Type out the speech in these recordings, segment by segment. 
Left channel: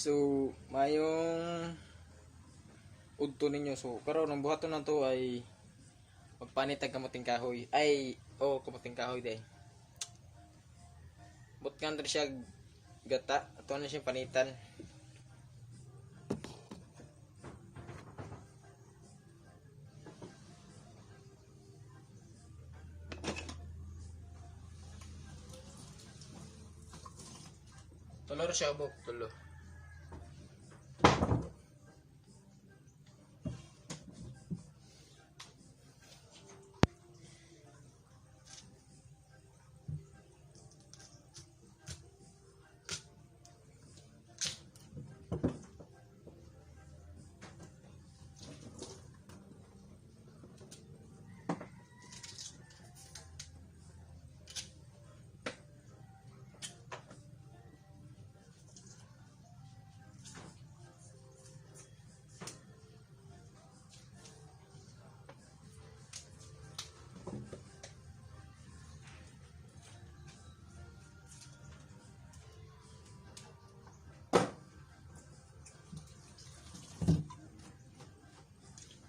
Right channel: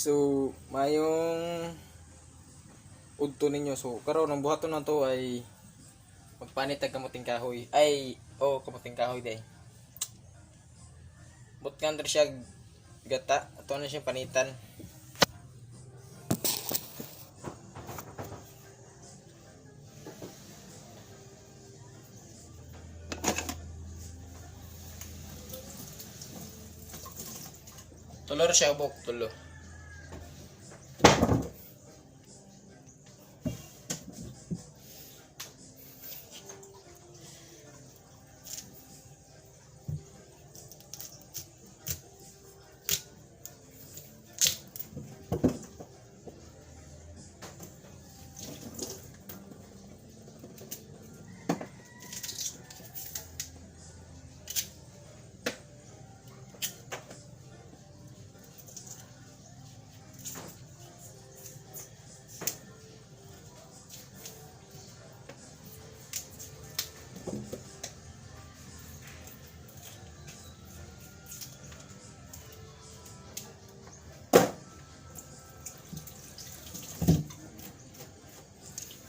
so mayong udto ninyo. So karon ang buhaton na to ay magpanit tag kamuting kahoy. Kamuting kahoy day. Butkan diri siya gata, ato na siya panitan. Tulor siya buk, tulo.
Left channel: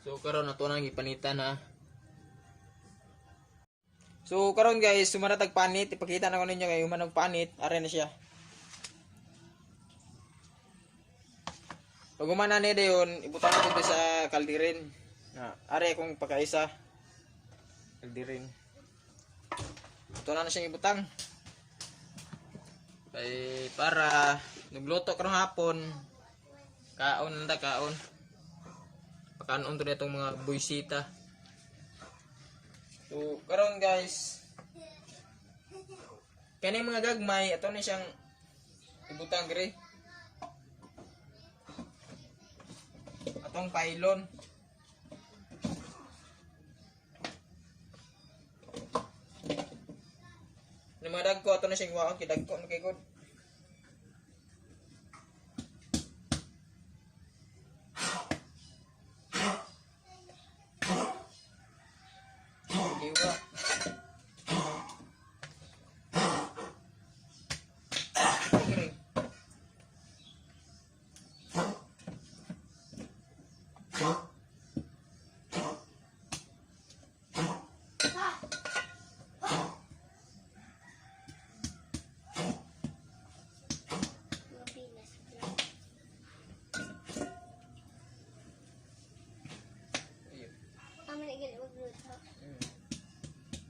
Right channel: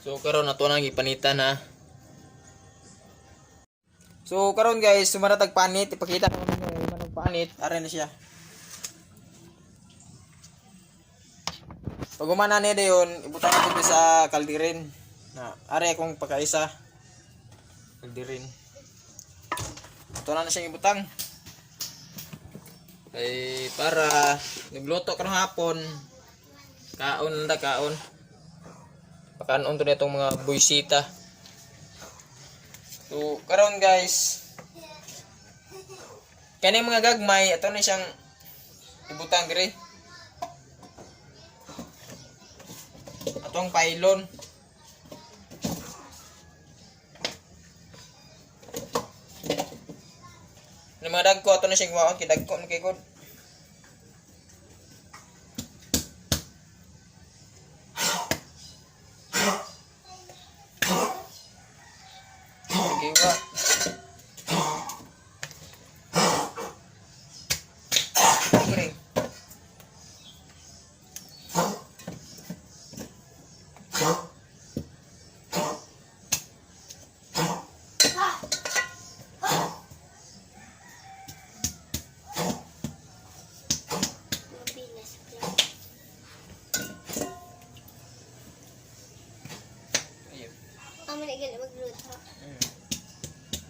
So karon nato nang ipanitan ha. So karon guys, sumanatag panit, ipakita na ko ninyo kay manong panit, ara na siya. Pag umana ni dayon, ibutang natin sa kaldirin. Na are akong pagkaisa. Kaldirin. Ito na siya ibutang. Para nagluto karong hapon. Kaon. Pakanon to nitong mga buysita. So karon guys, kani mga gagmay ato na siyang ibutang dire. Atong pailon. Ni mga dagko ato na siyang waon kay dagko man kay god.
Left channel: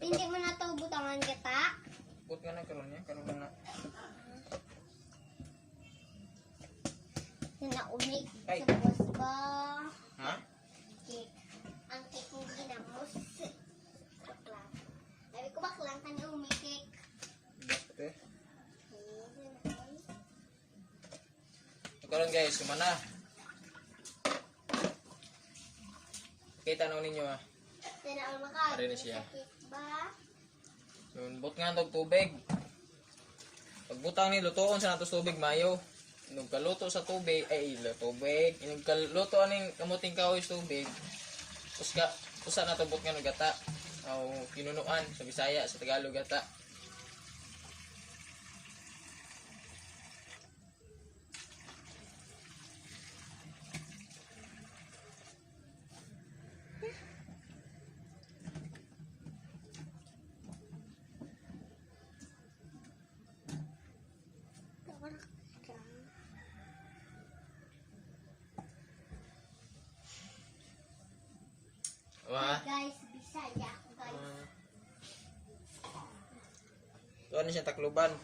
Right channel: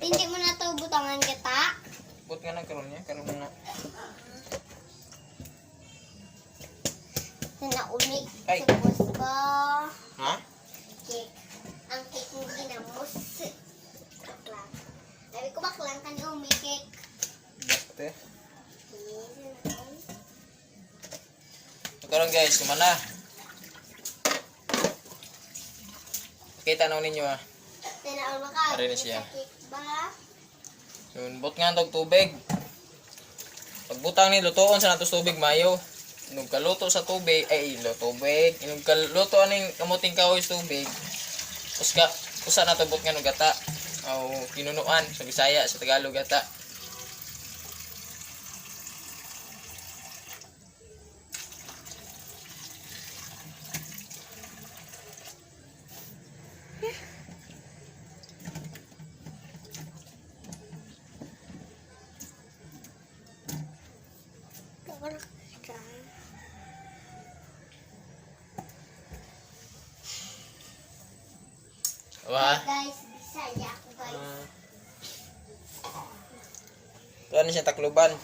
Hindi mo na to butangan kita. But nga nagkaroon niya, karoon na. Naumig. Ay. Subos ko. Ha? Cake. Ang cake mo ginamos. Baklang. Sabi ko baklang ka ni umi cake. Basta. So karoon guys, kumana. Kita na ninyo ha. Tinaon maka. Ari na siya. Cake ba? Yun, but nga tog tubig. Pagbutang ni lutoon sa natos tubig mayo. Inog kaluto sa tubig, tubig. Inog kaluto aning kamuting kahoy sa tubig. Usa na tubot nga no gata. O kinunuan sa Bisaya, sa Tagalog gata. Wah. Guys, Bisaya ako guys. Tuan siya takluban.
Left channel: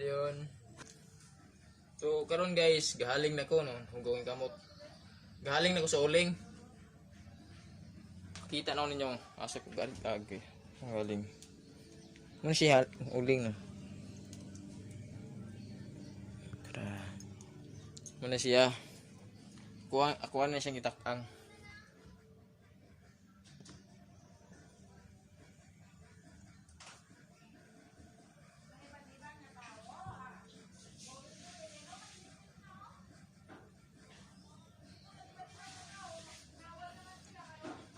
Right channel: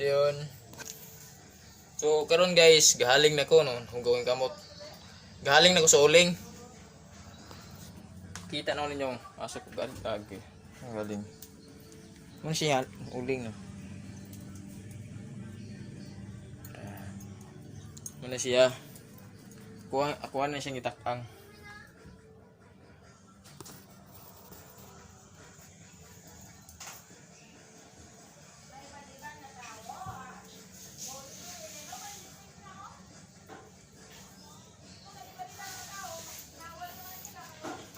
Diyon. So karon guys, gahaling na ko no, hugawin kamot. Gahaling na ko sa uling. Kita na ninyo asa ko galing. Galing. Ano siya uling no. Mana siya? Kuha na siyang itakang.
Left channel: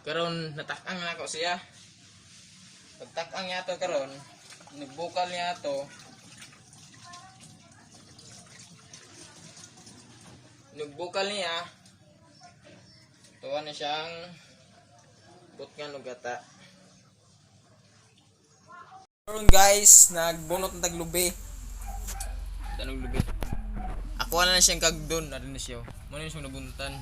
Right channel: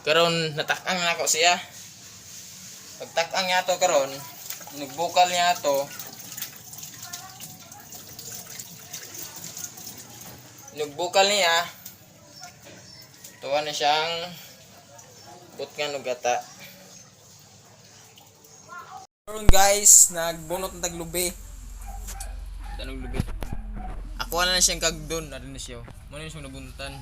Karon natakang na ako siya. Pagtakang niya to karon, nagbukal niya to. Nugbukal niya. Tuwa na siyang butngan og gata. Karon guys, nagbunot ng taglubi. Tanong lubi. Ako na siyang kagdon, na na siya. Mo na siyang nabuntan.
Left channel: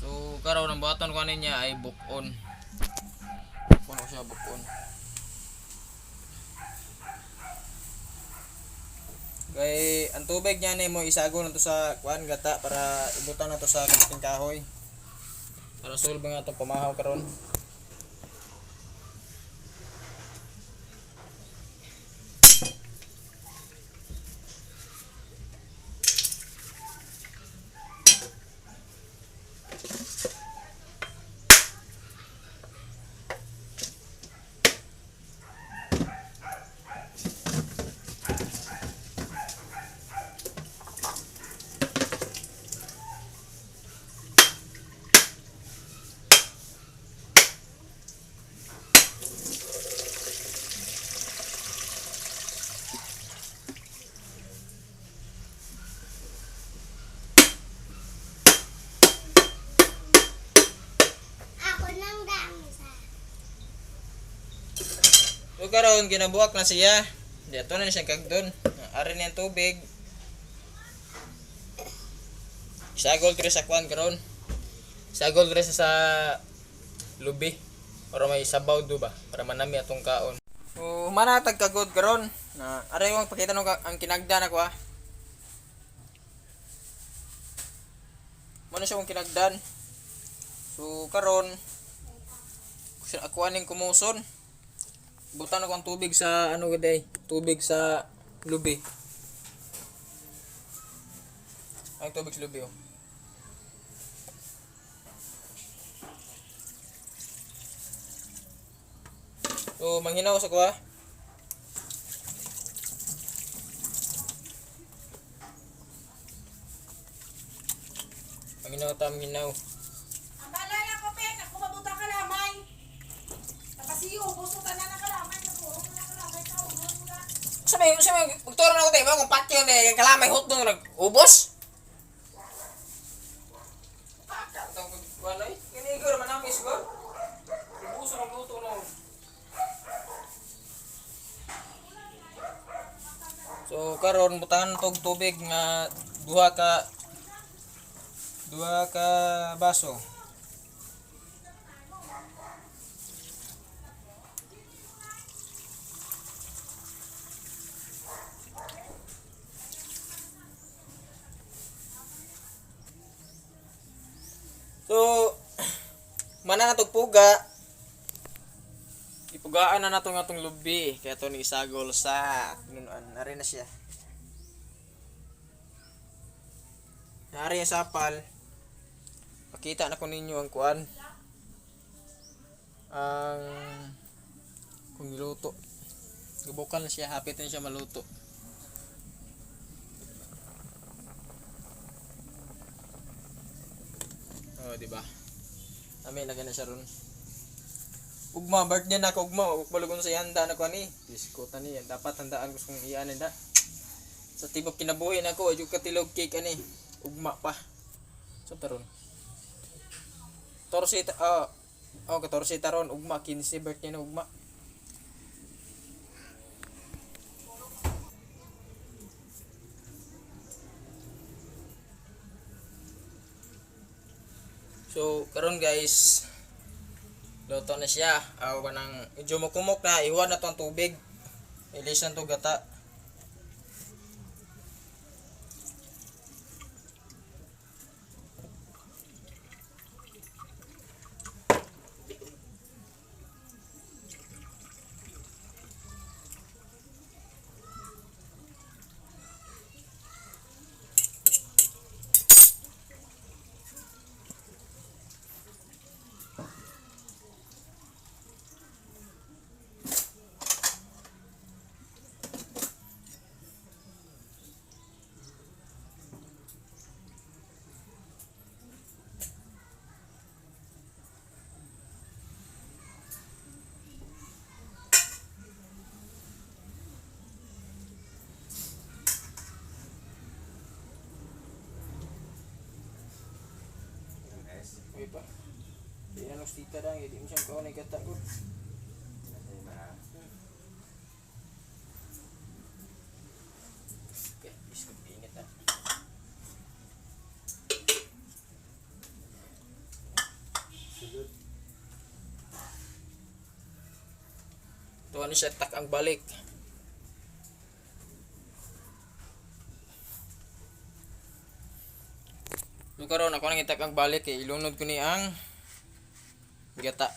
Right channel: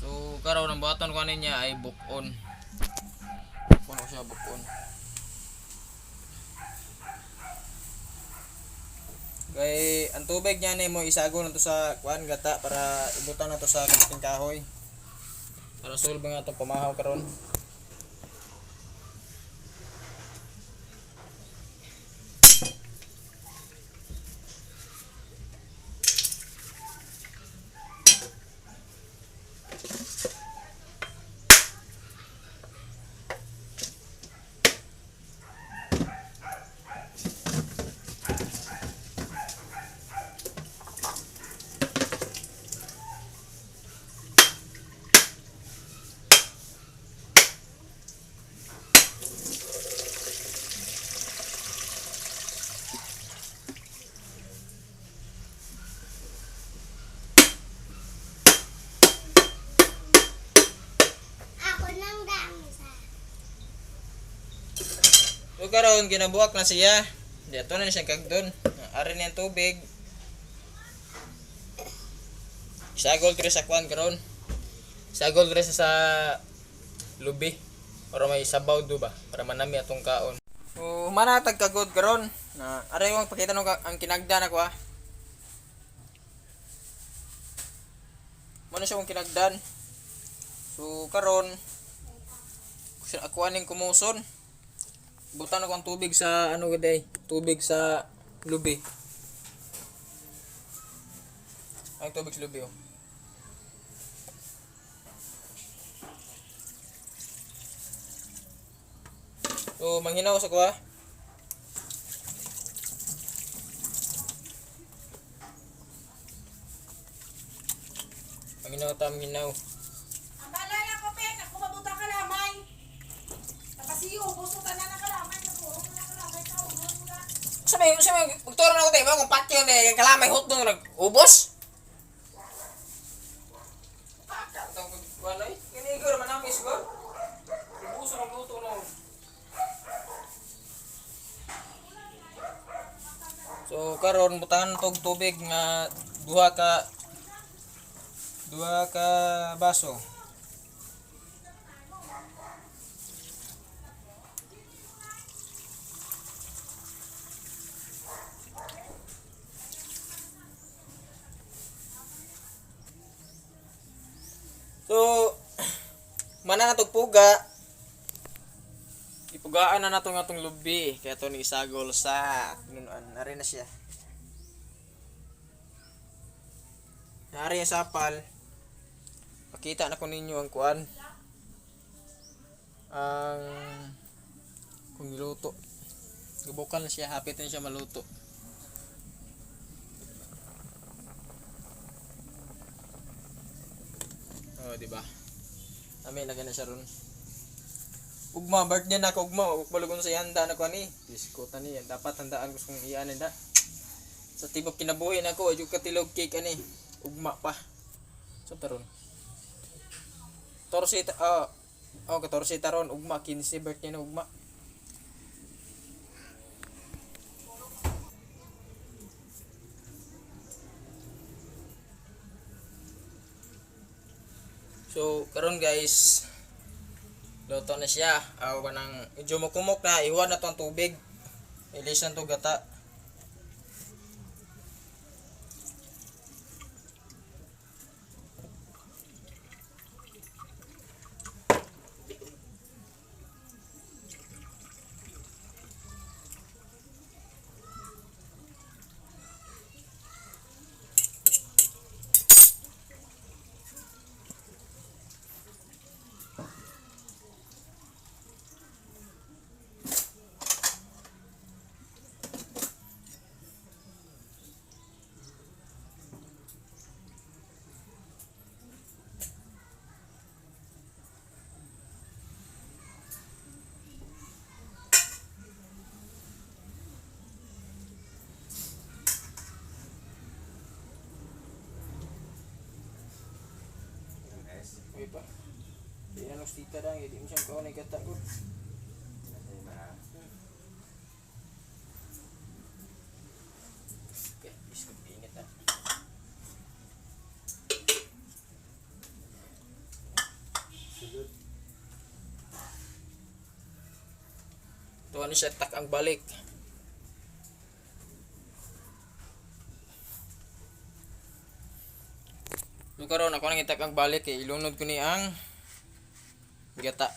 So karon ang buhaton ko niya ay bukon. Kuno siya bukon. Kay ang tubig niya ni mo isago na to sa kuan gata para ibutan na to sa kamuting kahoy. Para sulba nga itong pamahaw karon. Ako nang damsa. So karon ginabuak na siya. Dito na siya kagdon. Ari na yung tubig. Isagol ko sa kuan karon. Isagol ko sa lubi para may sabaw do ba para manami atong kaon. So manatag kagod karon na ari yung pakita no ang kinagdan ako ah. Mo na siya kung kinagdan. So karon ako aning kumuson. Butan ako ang tubig sa ano gaday, tubig sa lubi. Ang tubig sa lubi oh. So manghinaw sa kuha. Manghinaw. Ang balay ako, Pen. Ako mabuta ka lamay. Nakasiyo, gusto ka na nakalamay. Nakurong na nakalamay ka. Urong na. Sabi, magturo na ako tayo, kung patyo na yung kalamay hot doon nag-ubos. Pakatang kagkuhan ay, kinigo naman ang isgo. Ibuso ng luto na. So karon butangan tog tubig nga duha ka baso. So mana natog puga. Ipugaan na nato nga tong lubi kaya to ni isagol sa nunuan. Nari na siya. Nari ang sapal. Pakita na ko ninyo ang kuan. Ang kung niluto. Gubukal na siya, hapit na siya maluto. Oh, di ba? Amin lagyan na siya ron. Ugma, birthday na ako ugma. Ugbalugon sa ihanda na ko ani. Diskutan niya. Dapat handaan ko kung iyanin da. Sa tibok kinabuhi na ako. Yung katilog cake ani. Ugma pa. So taron. Torsita. Katorsita ron. Ugma. 15 birthday na ugma. So karon guys. Luto na siya. Kanang medyo makumok na. Iwan na to ang tubig. Ilisan to gata. pa. Di ano tita dang, di mo siyang kaunay kata ko. Okay, biskut init na. Ito ano siya, tak ang balik. Yung karon ako nang itak ang balik eh, ilunod ko ni ang gata.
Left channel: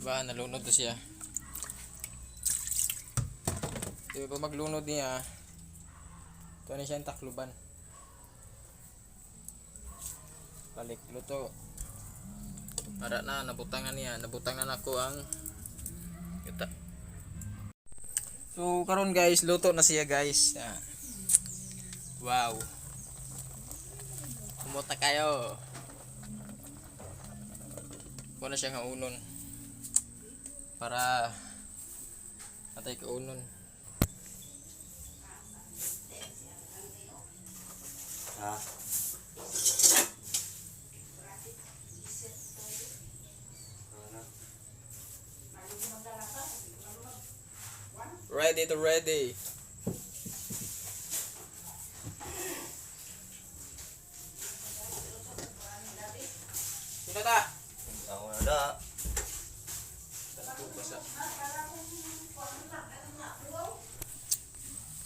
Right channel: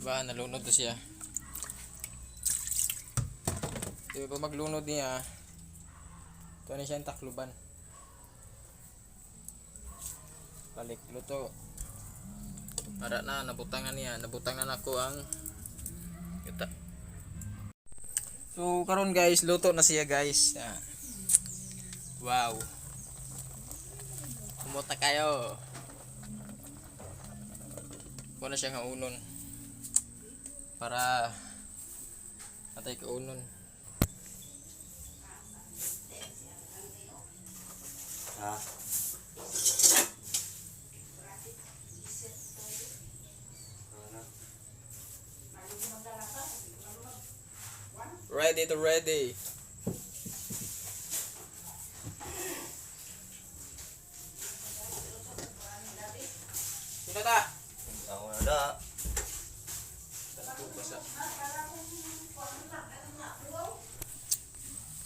Ba, nalunod to siya. Di ba maglunod niya, ito na siya yung takluban. Balik luto. Para na, nabutangan niya. Nabutangan ako ang kita. So, karon guys, luto na siya guys. Wow. Kumuta kayo. Kuha na siya nga unon. Para atay ka unon. Ha? Ready to ready. Sino ta? Ako na da.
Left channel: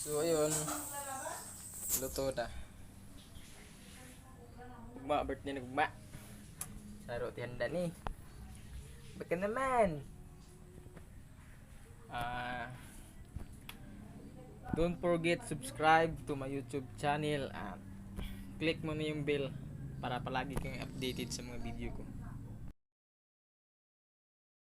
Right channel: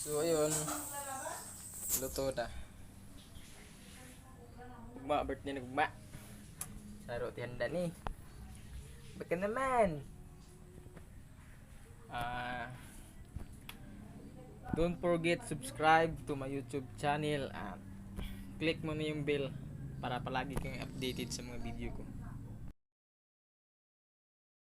So ayun. Luto na. Ugma, birthday na ugma. Saro tihanda ni. Baka naman. Don't forget subscribe to my YouTube channel at click mo na yung bell para palagi kang updated sa mga video ko.